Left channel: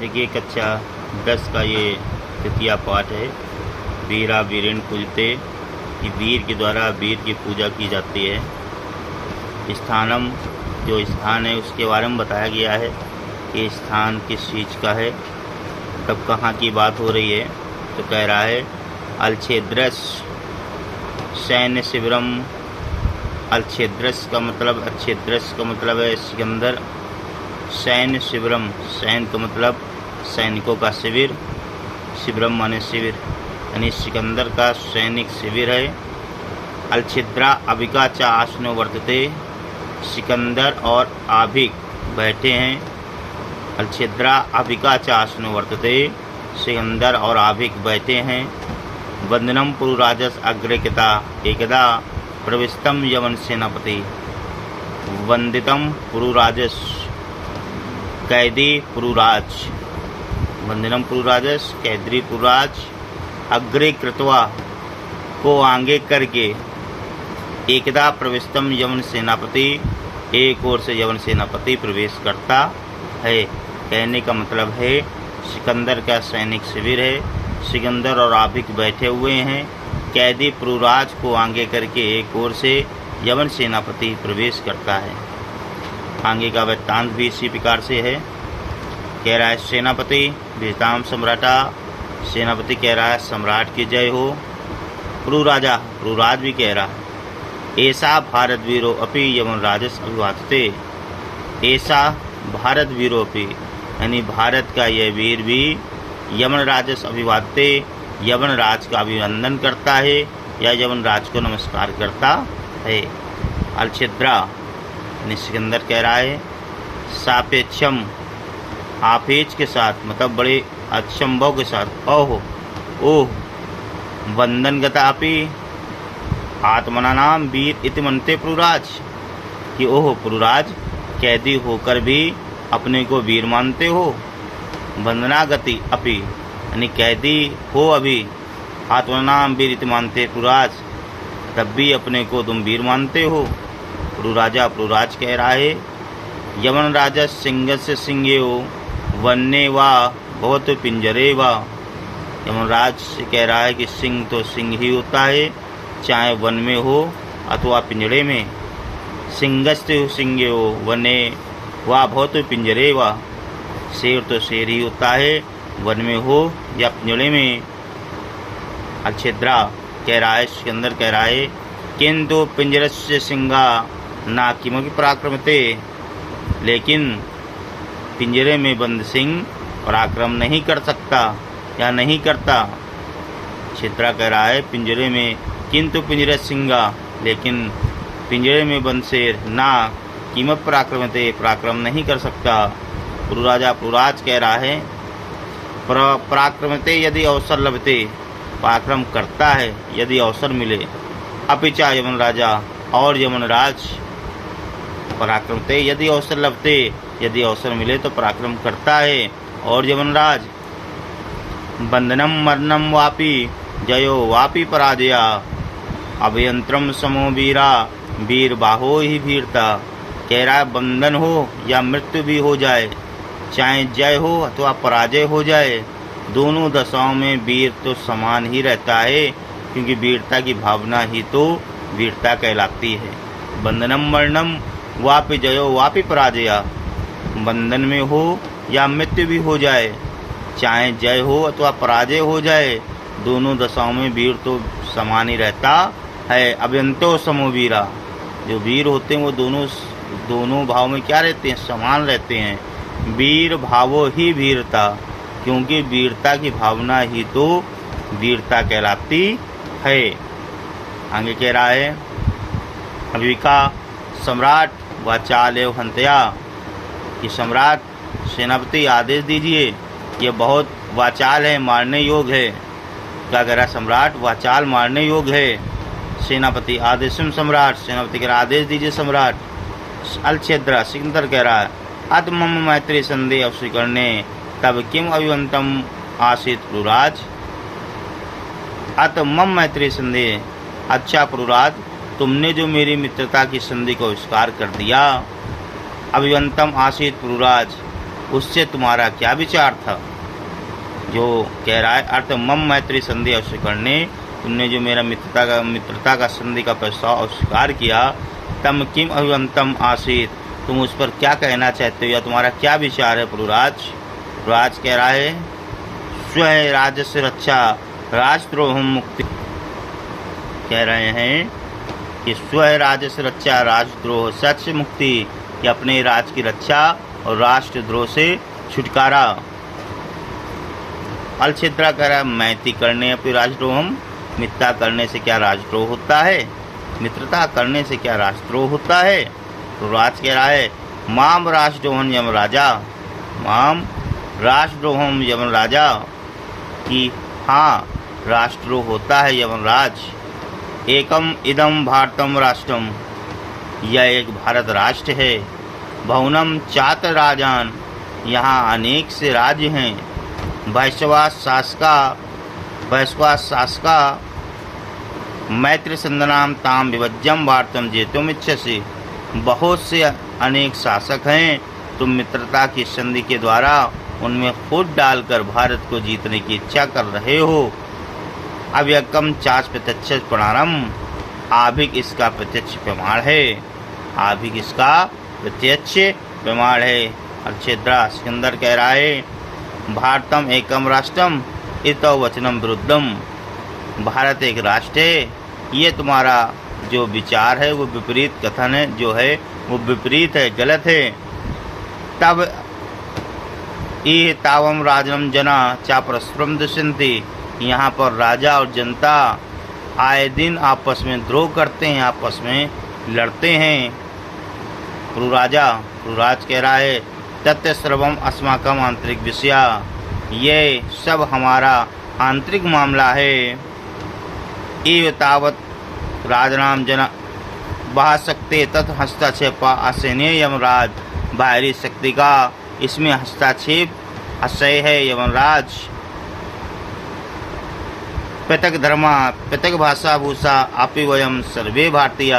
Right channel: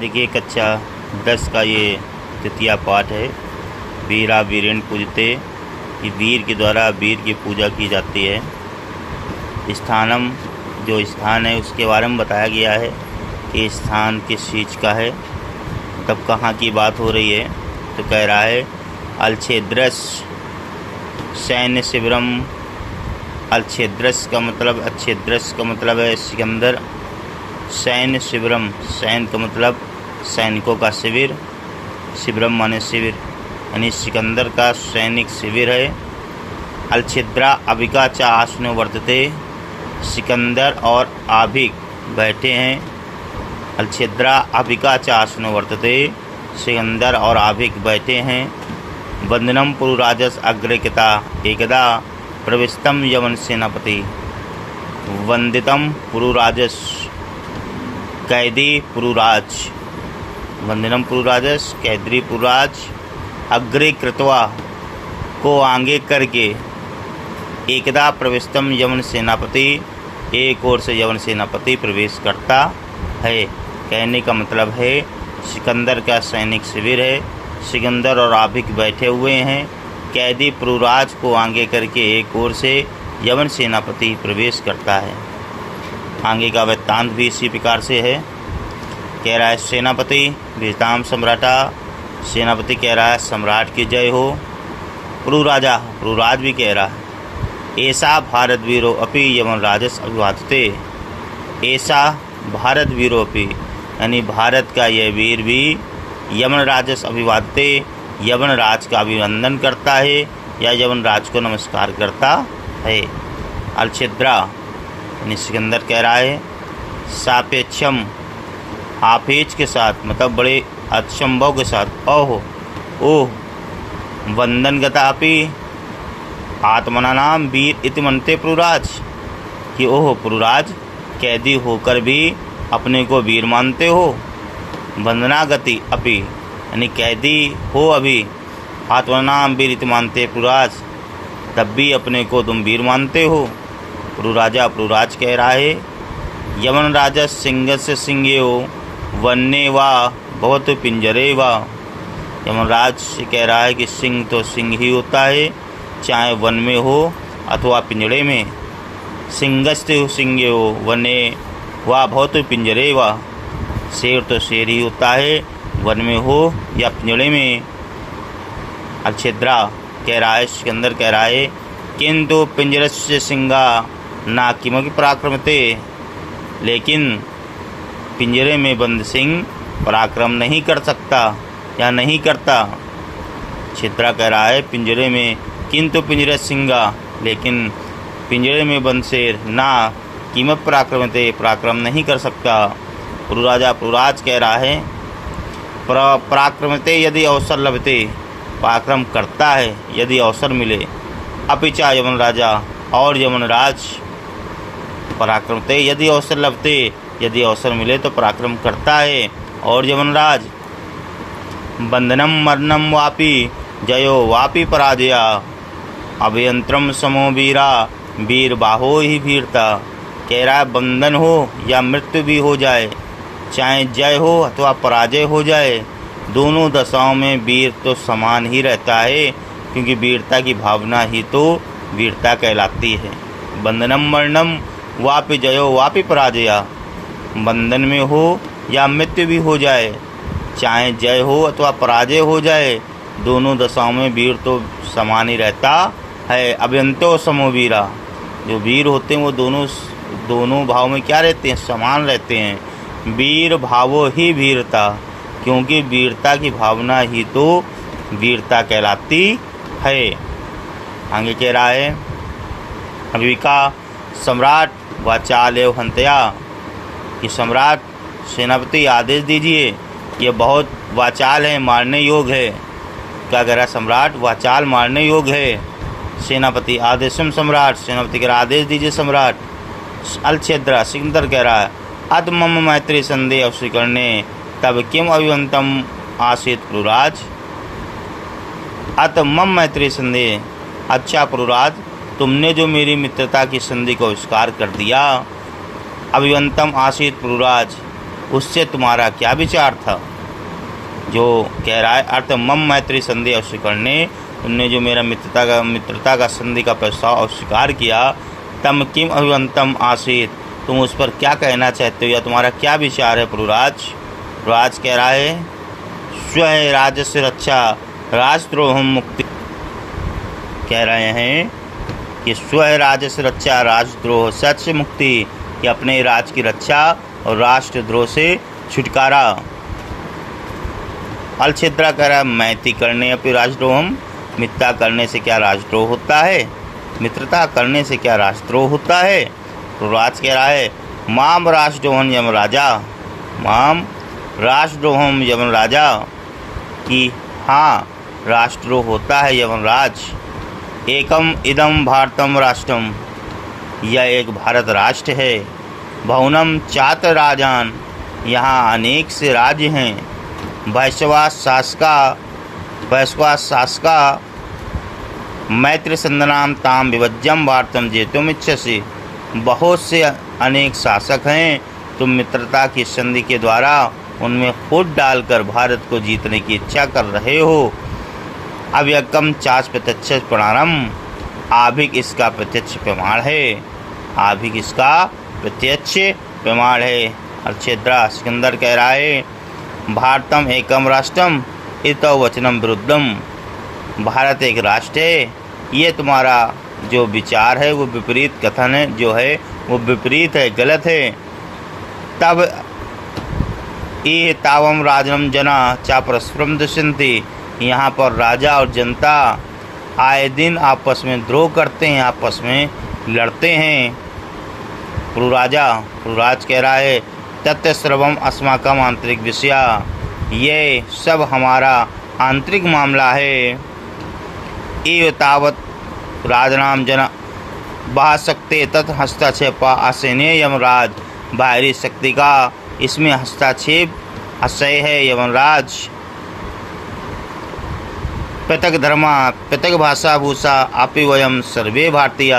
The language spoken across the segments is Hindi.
देखिए कक्षा 10 का ये तृतीया पाठ है। वीरा वीरेण पूजते, कि वीर के द्वारा वीर की पूजा की जाती है। स्थानम, जो स्थान है उसके बारे में बताया गया है कि स्थान किस चीज़ का है। तब कहाँ की बात हो रही है, तो कह रहा है अलछेद्रस सैन्य शिविरम। अलछेद्रस का मतलब है सिकंदर। सैन्य शिविरम, सैन्य का मतलब सैनिकों का शिविर। शिविरम माने शिविर, यानी सिकंदर का सैनिक शिविर है। अलछिद्रा अभिका च आसनो वर्तते, सिकंदर और आभिक बैठे हैं। अलछिद्रा अभिका च आसनो वर्तते, सिकंदर और आभिक बैठे हैं। वंदनम पुरुराजस अग्रकिता एकदा प्रविष्टम यवन सेनापति। वंदितम पुरुराजस, कैदी पुरुराज। वंदनम पुरुराजस, कैदी पुरुराज। अग्रे कृत्वा, को आगे करके। एकदा प्रविष्टम यवन सेनापति, एक ओर से यवन सेनापति प्रवेश करता है। कहने का मतलब है सिकंदर का सैनिक शिविर है, सिकंदर और आभिक बैठे हुए हैं। कैदी पुरुराज को आगे करके एक ओर से यवन सेनापति प्रवेश करता है। आगे का वृत्तांत भी इसी प्रकार से है। कह रहा है सेनापति विजताम सम्राटा, सेनापति कह रहा है सम्राट की जय हो। पुरुराजा, पुरुराज भी कह रहा है ऐसा भारत वीरो अपि यवन राजस अभिवादते। ऐसा भारत वीरो अपि, यानी भारत का यह वीर भी यवन राजस अभिवादते, यवन राज का अभिनंदन करता है या यवन राज को नमस्कार करता है। अलछिद्रा यानी सिकंदर कह रहा है सापेक्षम, आपेच के साथ, मतलब बड़े अचंभव के साथ। ओह वंदन गतापि आत्मना नाम वीर इति मनते पुरुराज, कि ओह पुरुराज कैदी होकर भी अपने को वीर मानते हो। वंदना गति अपि, यानी कैदी हो अभी, आत्मना नाम वीर इति मानते पुरुराज, तब भी अपने को तुम वीर मानते हो। पुरुराजा, पुरुराज कह रहा है यवन राजा सिंह से सिंह वन्य वा बहुत पिंजरे वा। यमराज कह रहा है कि सिंह तो सिंह ही होता है, चाहे वन में हो अथवा पिंजरे में। सिंहस्ते सिंह हो वन्य वा बहुत पिंजरे वा, शेर तो शेर ही होता है, वन में हो या पिंजरे में। अलछिद्रा कह रहा है, सिकंदर कह रहा है किंतु पिंजरस्य सिंगा ना किमपि पराक्रमते, लेकिन पिंजरे में बंद सिंह पराक्रम नहीं कर सकता या नहीं करता। छिद्रा कह रहा है पिंजरे में, किंतु पिंजरे सिंगा, लेकिन पिंजरे में बंद शेर ना कीमत पराक्रमते, पराक्रम नहीं कर सकता। पुरुराजा, पुरुराज कह रहा है पराक्रमते यदि अवसर लभते, पराक्रम करता है यदि अवसर मिले। अपिचा यमन राजा, और यमनराज पराक्रमते यदि अवसर लभते, यदि अवसर मिले तो पराक्रम करता है और यमनराज। बंधनम मरणम वापि जयो वापि पराजया, अभयंत्रम समो वीरा वीर बाहो ही वीरता। कह रहा है बंधन हो या मृत्यु भी हो जाए, चाहे जय हो अथवा पराजय हो जाए, दोनों दशाओं में वीर तो समान ही रहता है, क्योंकि वीरता की भावना ही तो वीरता कहलाती है। बंधनम मरणम वापि जयो वापि पराजया, बंधन में हो या मृत्यु भी हो जाए, चाहे जय हो अथवा पराजय हो जाए, दोनों दशाओं में वीर तो समान ही रहता है। अभयंतो समो वीरा, जो वीर होते हैं वो दोनों भाव में क्या रहते हैं, समान रहते हैं। वीर भावो ही वीरता, क्योंकि वीरता की भावना ही तो वीरता कहलाती है। आगे कह रहा है अभिका सम्राट वाचाल एव हंतया, कि सम्राट सेनापति आदेश दीजिए, ये बहुत वाचाल है, मारने योग्य है। क्या कह रहा है सम्राट, वाचाल मारने योग्य है। सेनापति आदेशम सम्राट, सेनापति कह रहा आदेश दीजिए सम्राट। अलछिद्रा, सिकंदर कह रहा है अत मम मैत्री संदेह अवस्वीकरणे तब किम अभिवंतम आसीत पुरुराज। अत मम मैत्री संदेह, अच्छा पुरुराज तुमने जो मेरी मित्रता की संधि को स्वीकार कर दिया। अभिवंतम आसीत पुरुराज, उससे तुम्हारा क्या विचार था? जो कह रहा है अर्थ मम मैत्री संधि अस्वीकरणे, तुमने जो मेरा मित्रता का संधि का प्रस्ताव अस्वीकार किया, तम किम अभिवंतम आसीत, तुम उस पर क्या कहना चाहते हो या तुम्हारा क्या विचार है पुरुराज? पुरुराज कह रहा है स्व राजस्व रक्षा राजद्रोह मुक्ति, कह रहे हैं कि स्व राजस्व रक्षा राजद्रोह सच मुक्ति, कि अपने राज की रक्षा और राष्ट्रद्रोह से छुटकारा। अलछिद्रा कह रहा है मैत्री करने अपनी राजद्रोहम, मित्रता करने से क्या राजद्रोह होता है? मित्रता करने से क्या राजद्रोह होता है? तो राज कह रहा है माम राष्ट्रद्रोहम यम राजा, माम राष्ट्रद्रोहम यमन राजा, कि हाँ राष्ट्रद्रोह होता है यमनराज। एकम इदम भारतम राष्ट्रम, यह एक भारत राष्ट्र है। भवनम चात्र राजान, यहाँ अनेक से राज्य हैं। वैश्वास शासका मैत्र संदनाम ताम विभज्यम भारतम जेतुम इच्छसि, बहुत से अनेक शासक हैं, तुम मित्रता की संधि के द्वारा उनमें खुद डालकर भारत को जीतने की इच्छा कर रहे हो। अव्यकम चाच प्रत्यक्ष प्रमाणम, आभिक इसका प्रत्यक्ष प्रमाण है, आभिक इसका प्रत्यक्ष प्रमाण है। अर्चेद्रा सिकंदर कह रहा है भारतम एकम राष्ट्रम इतो वचनम विरुद्धम, भारत एक राष्ट्र है, ये तुम्हारा जो विचार है वो विपरीत कथन है, जो है वो विपरीत है, गलत है। तब ये तावम राजनम जना चा परस्परम दुष्यन्ति, यहाँ पर राजा और जनता आए दिन आपस में द्रोह करते हैं, आपस में लड़ते हैं। पुरुराज कह रहा है तत्व सर्वम अस्माकम आंतरिक विषया, ये सब हमारा आंतरिक मामला है। ये तावत राजनाम जना बाह्य शक्ति तत् हस्तक्षेपा आसेने यमराज, बाहरी शक्ति का इसमें हस्तक्षेप आशय है यमराज। पृथक धर्मा पृथक भाषा भूषा आपी वयम सर्वे भारतीय,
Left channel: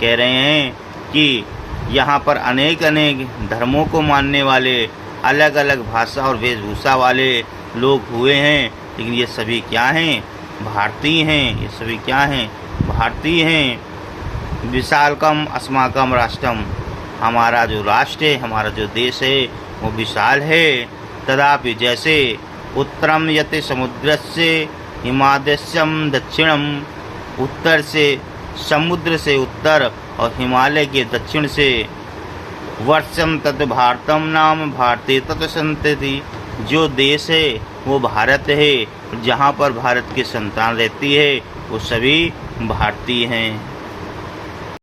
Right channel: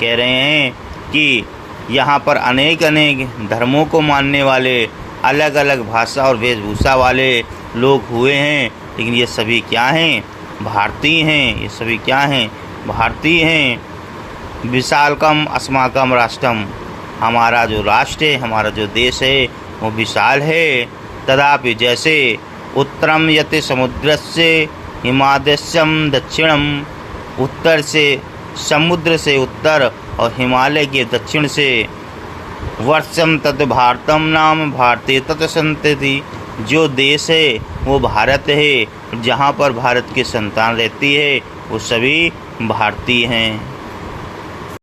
कह रहे हैं कि यहाँ पर अनेक अनेक धर्मों को मानने वाले, अलग अलग भाषा और वेशभूषा वाले लोग हुए हैं, लेकिन ये सभी क्या हैं? भारतीय हैं। ये सभी क्या हैं? भारतीय हैं। विशालकम अस्माकम राष्ट्रम, हमारा जो राष्ट्र है, हमारा जो देश है वो विशाल है। तदापि जैसे उत्तरम यति समुद्रस्य हिमाद्यम दक्षिणम, उत्तर से समुद्र से उत्तर और हिमालय के दक्षिण से, वर्षम तत् भारतम नाम भारतीय तत् संतति, जो देश है वो भारत है, जहाँ पर भारत की संतान रहती है वो सभी भारतीय हैं।